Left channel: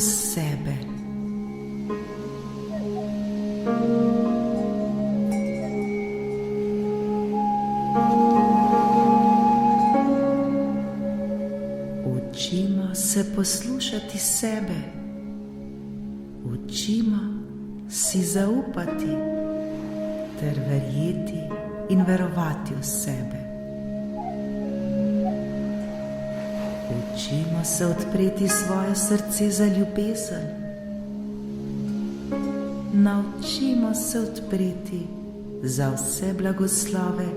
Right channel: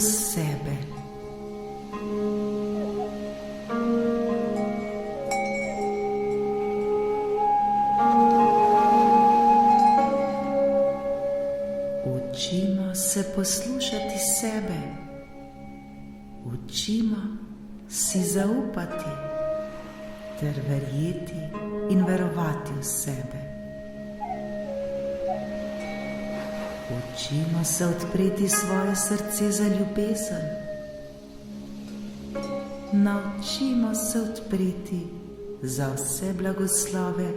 skozi sebe. Učimo se poslušati sebe, učimo si zaupati ter verjeti in verovati v sebe. Učimo se odpreti svoje srce za ljubezen. Naučimo se odpreti za vse blagoslove,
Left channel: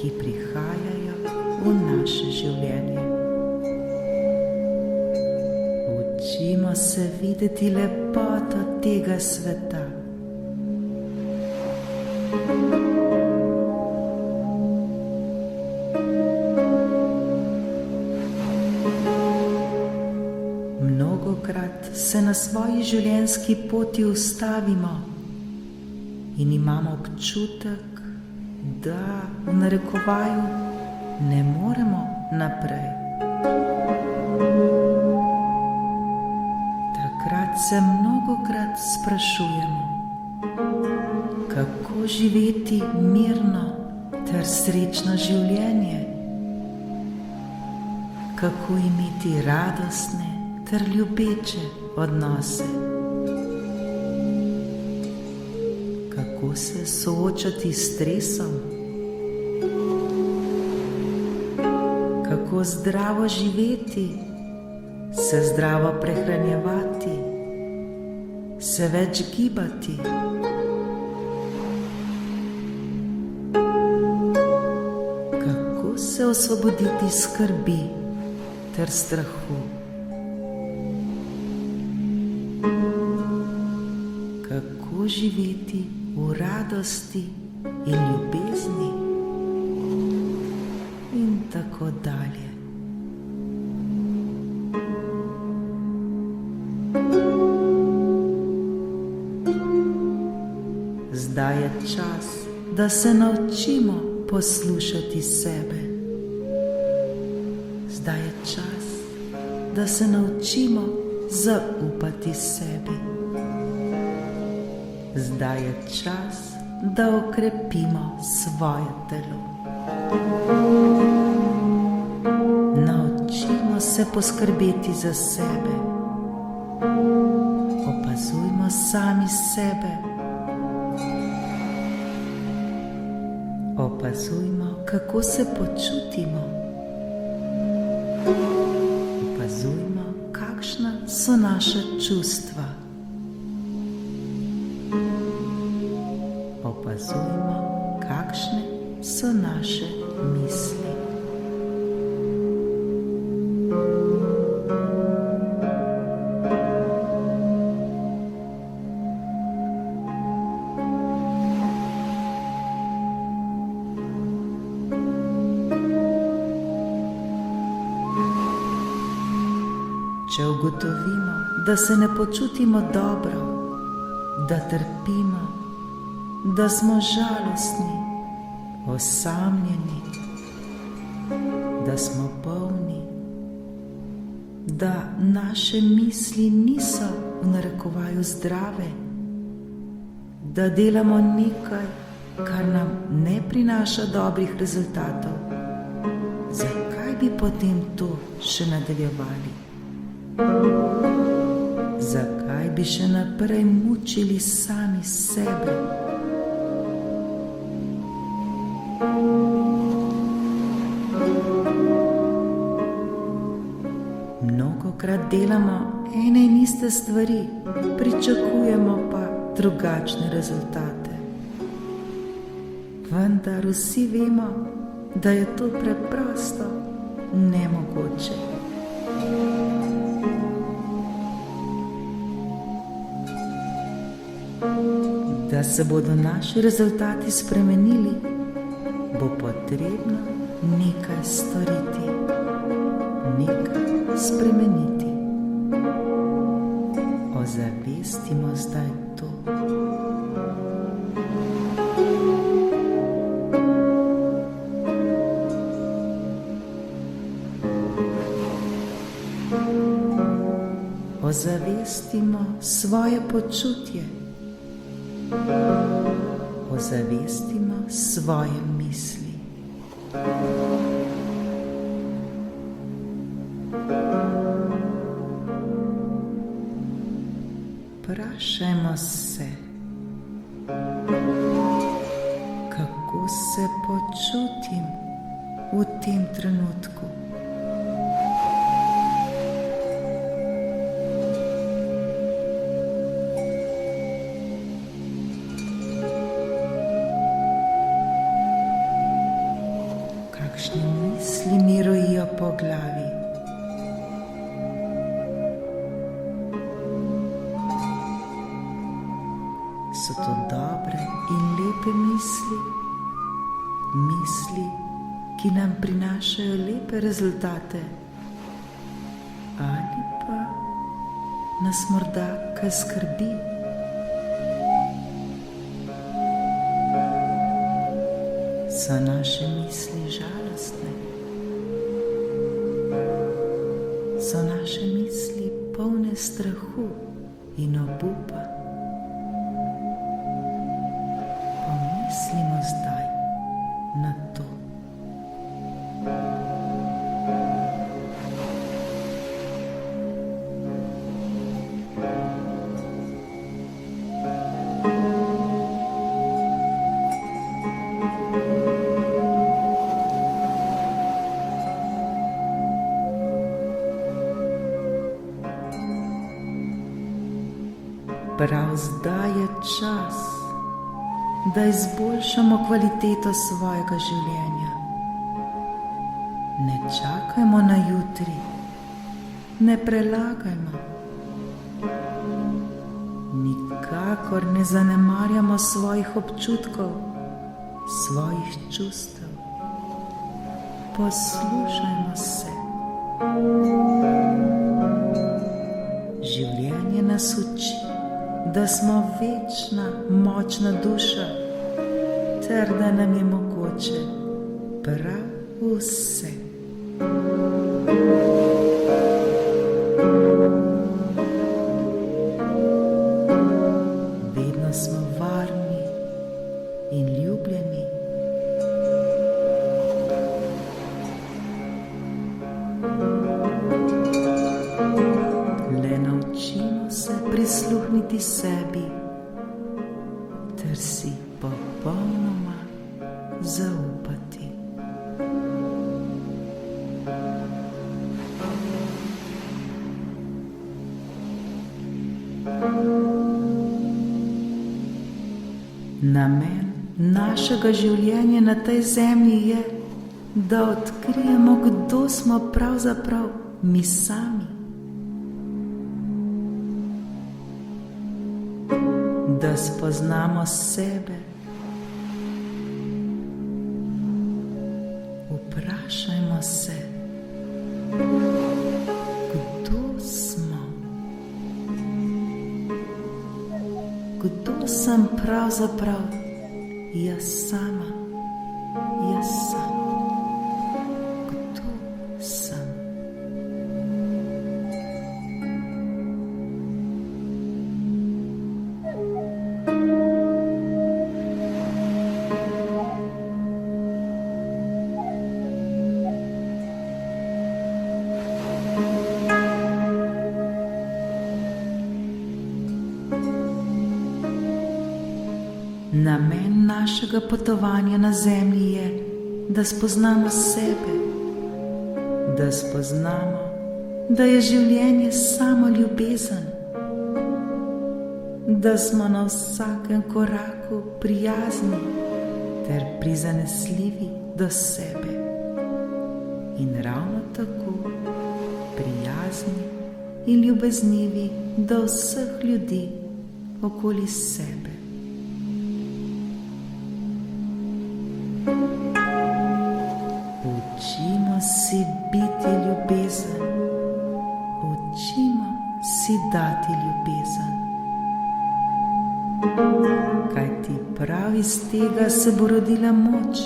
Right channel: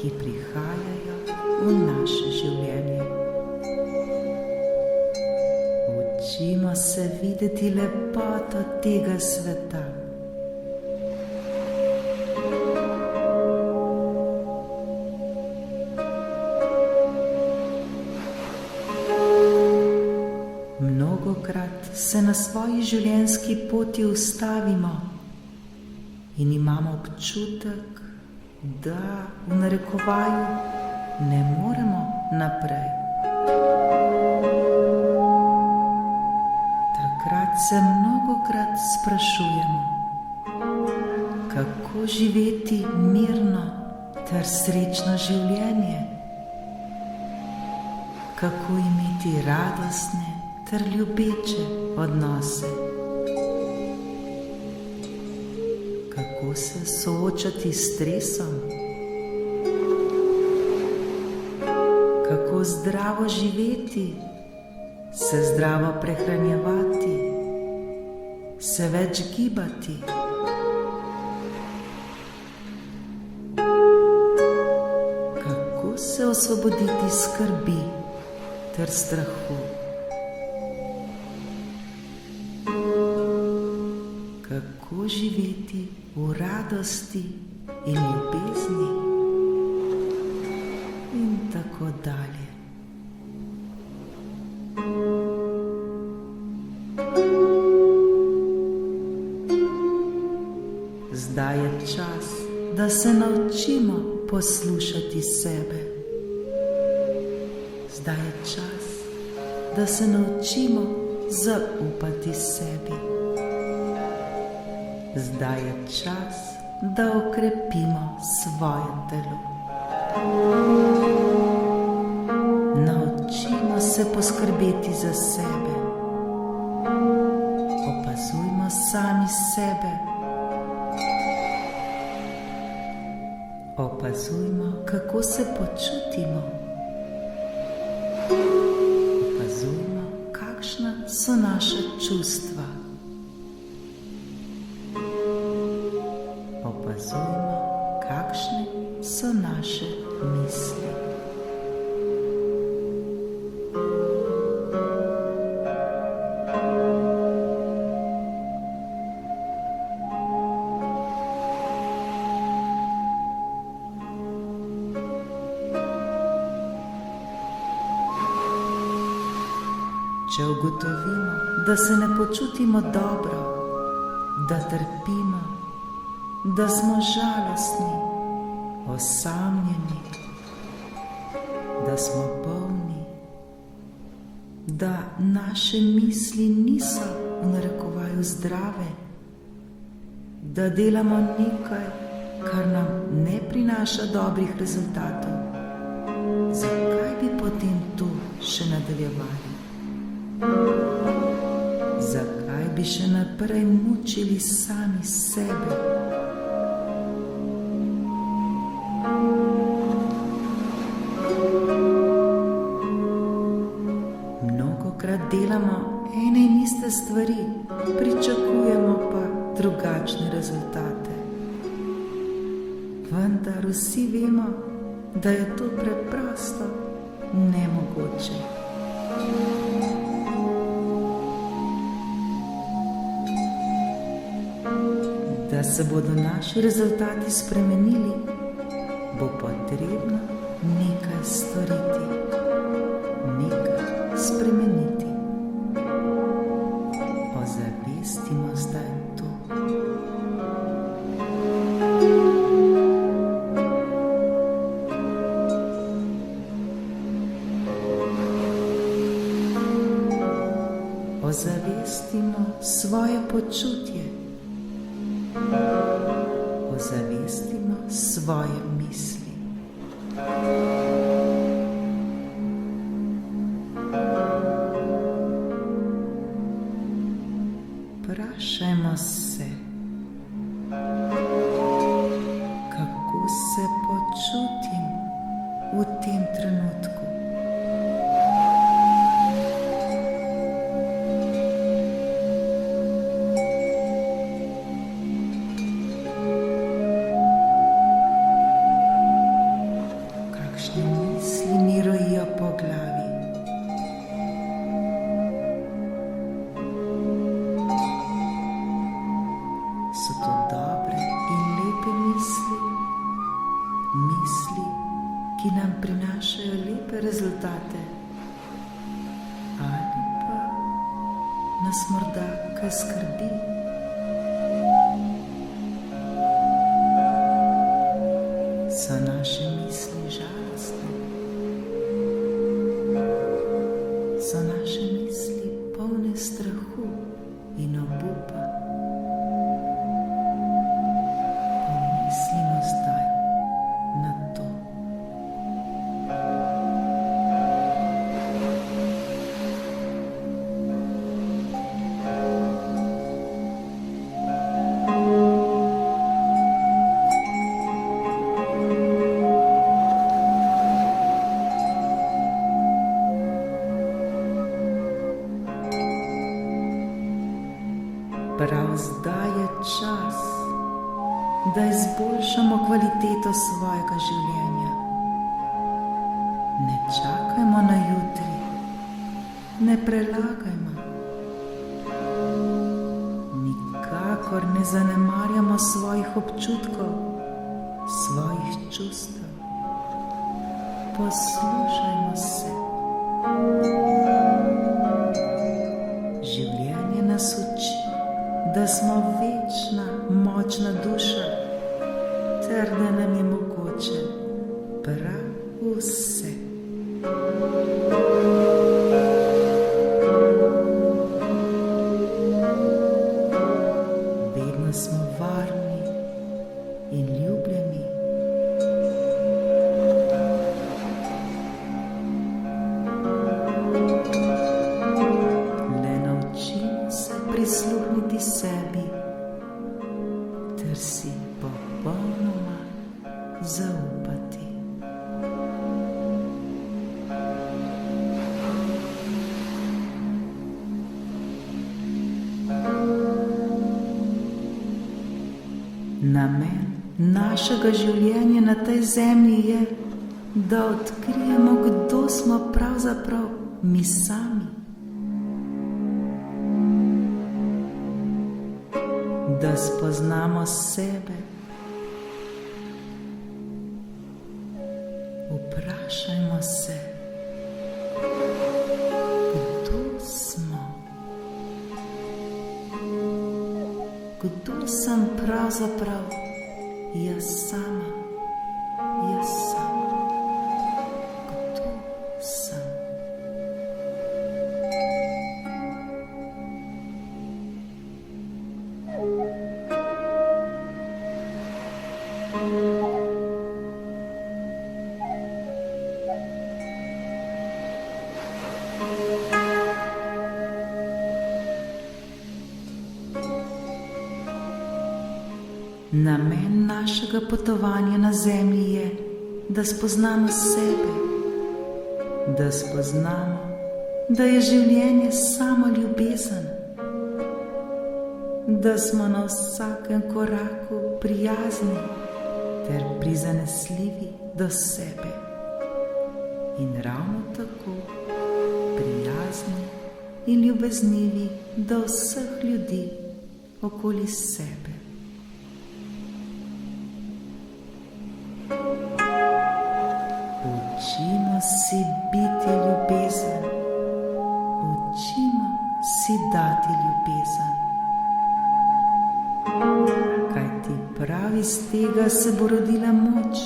ki prihajajo v naše življenje. Učimo se videti lepoto tega sveta. Mnogokrat se na svoji življenjski poti ustavimo in imamo občutek, da v narekovaju ne moremo naprej. Takrat se mnogokrat sprašujemo, kako živeti mirno ter srečno življenje, kako imeti radostne ter ljubeče odnose, kako se soočati s stresom, kako zdravo živeti, se zdravo prehranjevati, se več gibati. Kako se osvoboditi skrbi ter strahu. Kako živeti v radosti in ljubezni in tako dalje. Zdaj je čas, da se naučimo poslušati sebe. Zdaj je čas, da se naučimo zaupati sebi. Zdaj je čas, da okrepimo svoje telo. Naučimo se poskrbeti za sebe. Opazujmo sami sebe. Opazujmo, kako se počutimo. Opazujmo, kakšna so naša čustva. Opazujmo, kakšne so naše misli. Če ugotovimo, da se ne počutimo dobro, da trpimo, da smo žalostni, osamljeni, da smo bolni, da naše misli niso v narekovaju zdrave, da delamo nekaj, kar nam ne prinaša dobrih rezultatov, zakaj bi potem to še nadaljevali? Zakaj bi še naprej mučili sami sebe? Mnogokrat delamo ene in iste stvari, pričakujemo pa drugačne rezultate. Vendar vsi vemo, da je to preprosto nemogoče. Da se bodo naši rezultati spremenili, bo potrebno nekaj storiti, nekaj spremeniti. Ozavestimo zdaj to. Ozavestimo svoje počutje, ozavestimo svoje misli. Vprašajmo se, kako se počutim v tem trenutku. Kakšne misli mi rojijo po glavi? So to dobre in lepe misli, misli, ki nam prinašajo lepe rezultate, ali pa nas morda kaj skrbi? So naše misli žalostne? So naše misli polne strahu in obupa? Pomislimo zdaj na to. Prav zdaj je čas, da izboljšamo kvaliteto svojega življenja. Ne čakajmo na jutri, ne prelagajmo. Nikakor ne zanemarjamo svojih občutkov, svojih čustev. Poslušajmo se. Življenje nas uči, da smo večna, močna duša, ter da nam je mogoče prav vse. Vedno smo varni in ljubljeni. Le naučimo se prisluhniti sebi, ter si popolnoma zaupati. Namen našega življenja na tej zemlji je, da odkrijemo, kdo smo pravzaprav mi sami. Da spoznamo sebe. Vprašajmo se, kdo smo? Kdo sem pravzaprav jaz sama? Jaz sam. Kdo sem? Namen našega potovanja na zemlji je, da spoznamo sebe, da spoznamo, da je življenje samo ljubezen, da smo na vsakem koraku prijazni ter prizanesljivi do sebe in ravno tako prijazni in ljubeznivi do vseh ljudi okoli sebe. Učimo si biti ljubezen, učimo si dati ljubezen. Kajti prav iz tega se bo rodila moč,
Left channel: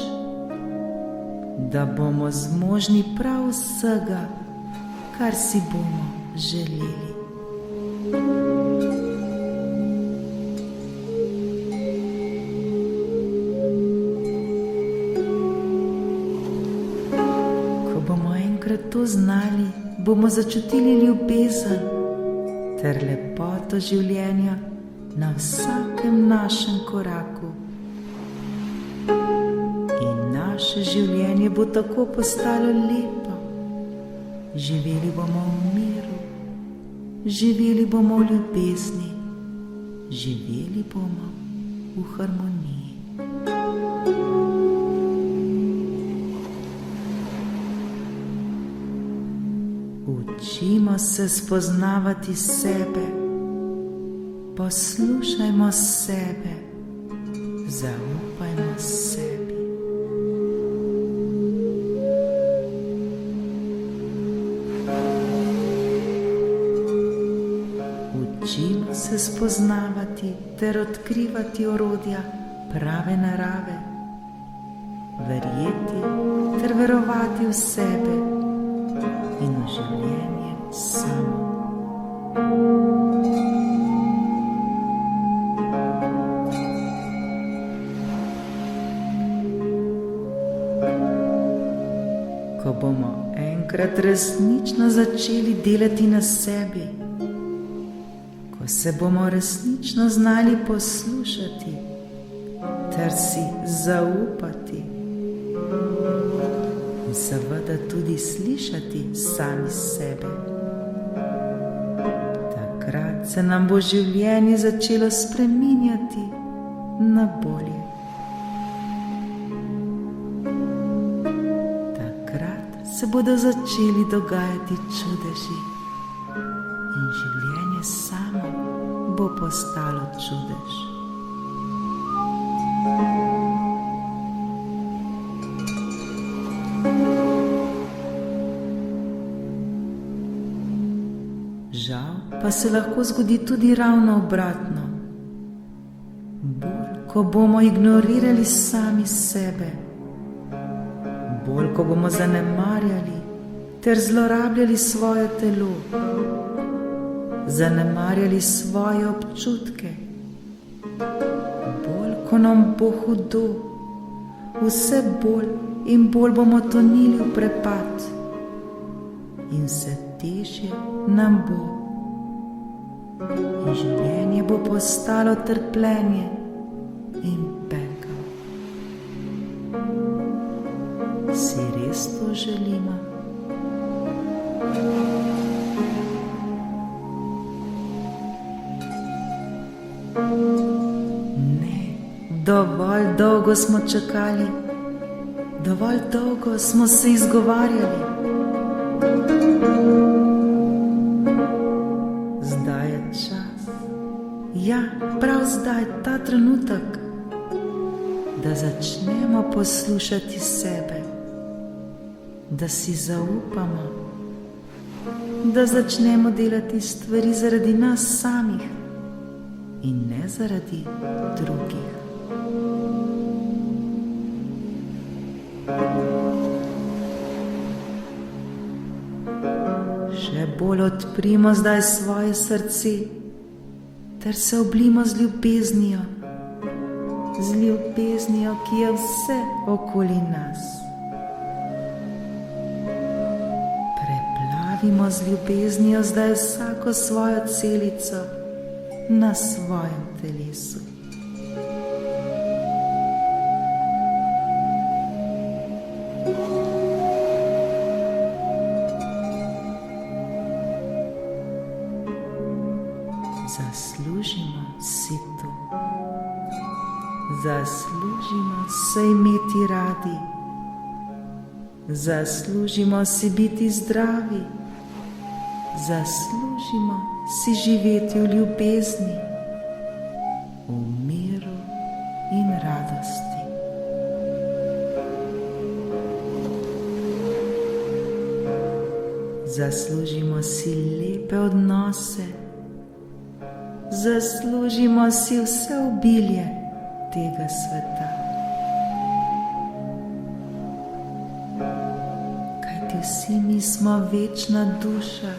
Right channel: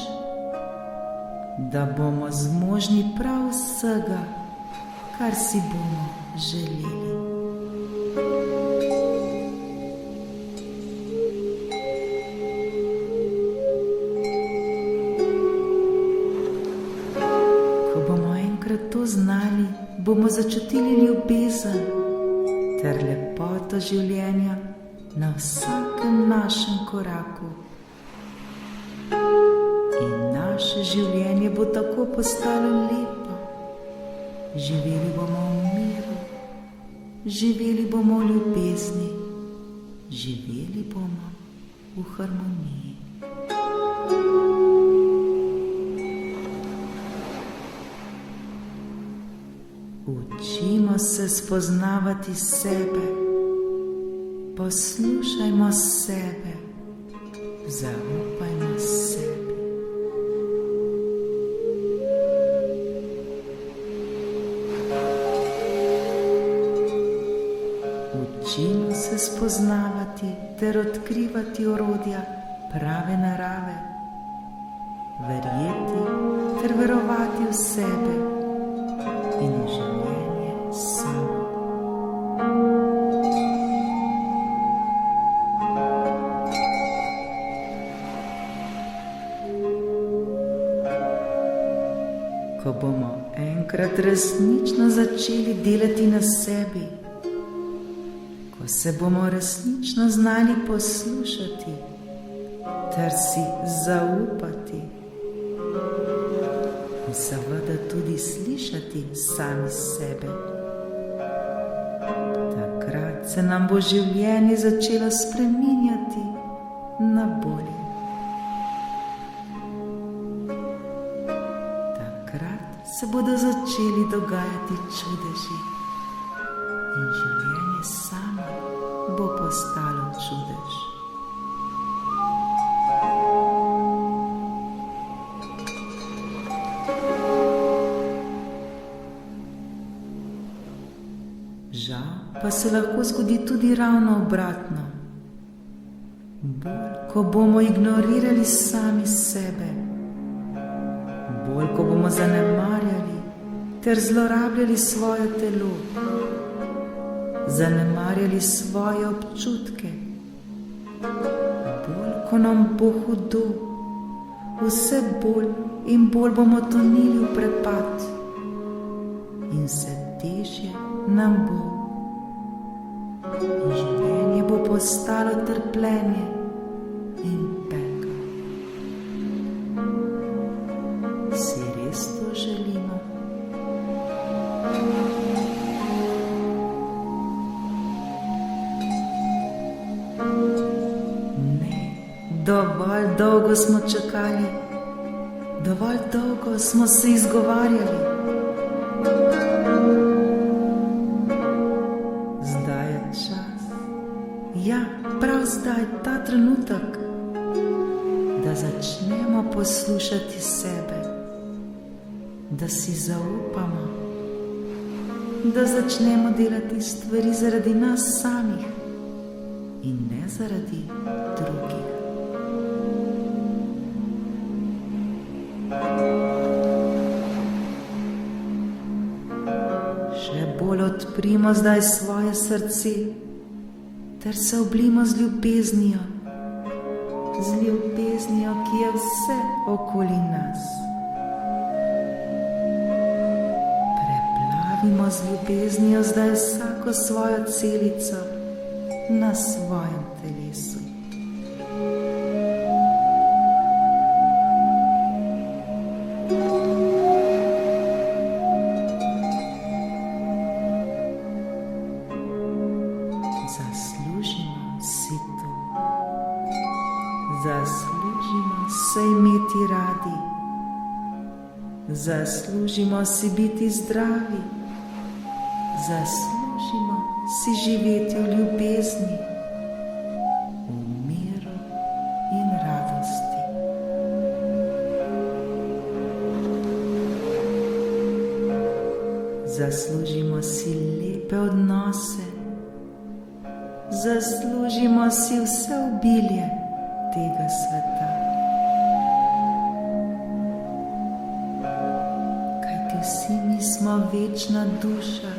da bomo zmožni prav vsega, kar si bomo želeli. bomo enkrat to znali, bomo začutili ljubezen ter lepoto življenja na vsakem našem koraku. In naše življenje bo tako postalo lepo. Živeli bomo v miru, živeli bomo v ljubezni, živeli bomo v harmoniji. Učimo se spoznavati sebe, poslušajmo sebe, zaupajmo sebi. Učimo se spoznavati ter odkrivati orodja prave narave, verjeti ter verovati v sebe in v življenje samo. Ko bomo enkrat resnično začeli delati na sebi, ko se bomo resnično znali poslušati ter si zaupati in seveda tudi slišati sami sebe, takrat se nam bo življenje začelo spreminjati na bolje. Takrat se bodo začeli dogajati čudeži in življenje samo bo postalo čudež. Žal pa se lahko zgodi tudi ravno obratno. Bolj, ko bomo ignorirali sami sebe, bolj, ko bomo zanemarjali ter zlorabljali svoje telo, zanemarjali svoje občutke, bolj, ko nam bo hudo, vse bolj in bolj bomo tonili v prepad in vse težje nam bo. In življenje bo postalo trpljenje in pekel. Si res to želimo? Ne, dovolj dolgo smo čakali, dovolj dolgo smo se izgovarjali. Zdaj je čas, ja, prav zdaj, ta trenutek, da začnemo poslušati sebe, da si zaupamo, da začnemo delati stvari zaradi nas samih in ne zaradi drugih. Še bolj odprimo zdaj svoje srce ter se oblimo z ljubeznijo, ki je vse okoli nas. Preplavimo z ljubeznijo zdaj vsako svojo celico na svojem telesu. Zaslužimo si to. Zaslužimo se imeti radi. Zaslužimo si biti zdravi. Zaslužimo si živeti v ljubezni, v miru in radosti. Zaslužimo si lepe odnose. Zaslužimo si vse obilje tega sveta. Kajti vsi mi smo večna duša,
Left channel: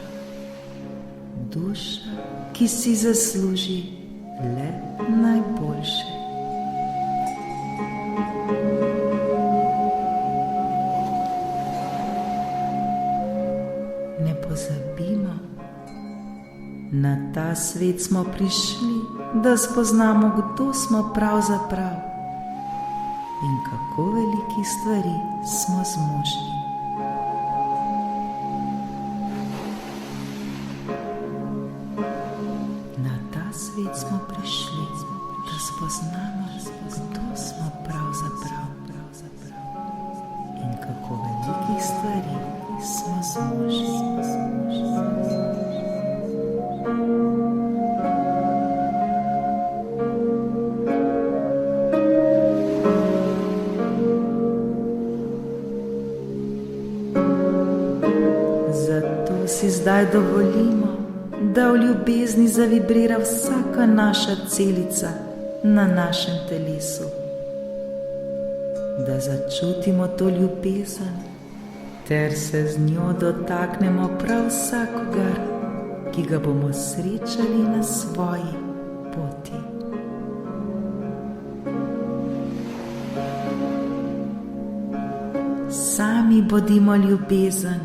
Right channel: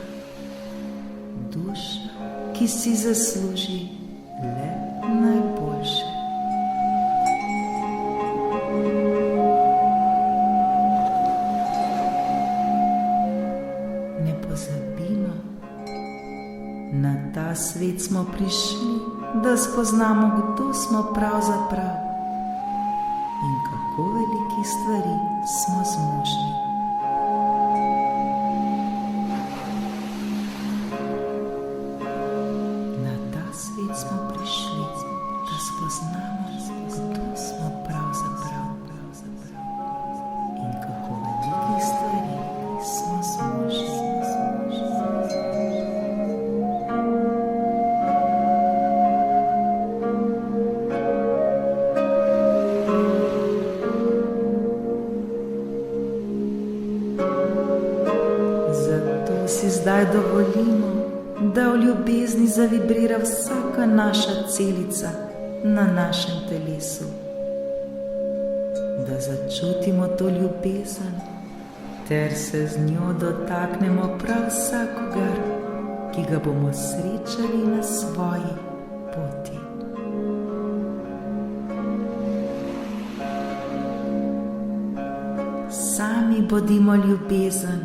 duša, ki si zasluži le najboljše. pozabimo. Na ta svet smo prišli, da spoznamo, kdo smo pravzaprav in kako velikih stvari smo zmožni. Na ta svet smo prišli, da spoznamo, kdo smo pravzaprav in kako velikih stvari smo zmožni. Zato si zdaj dovolimo, da v ljubezni zavibrira vsaka naša celica na našem telesu, da začutimo to ljubezen ter se z njo dotaknemo prav vsakogar, ki ga bomo srečali na svoji poti. Sami bodimo ljubezen,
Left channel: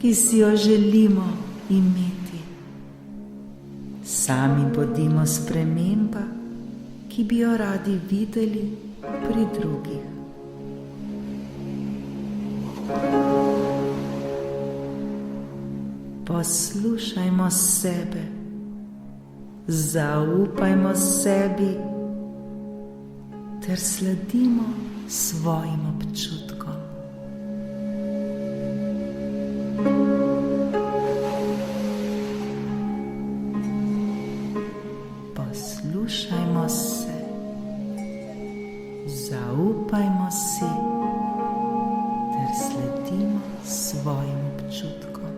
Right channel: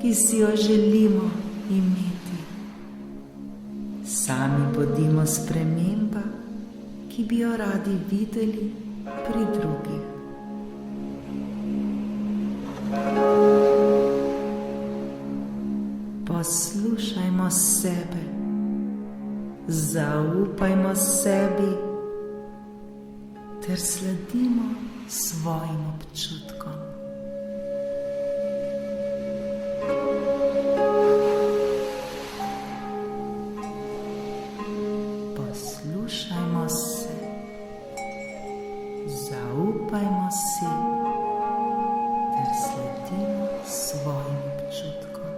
ki si jo želimo imeti. Sami bodimo sprememba, ki bi jo radi videli pri drugih. Poslušajmo sebe, zaupajmo sebi ter sledimo svojim občutkom. Poslušajmo se, zaupajmo si ter sledimo svojim občutkom.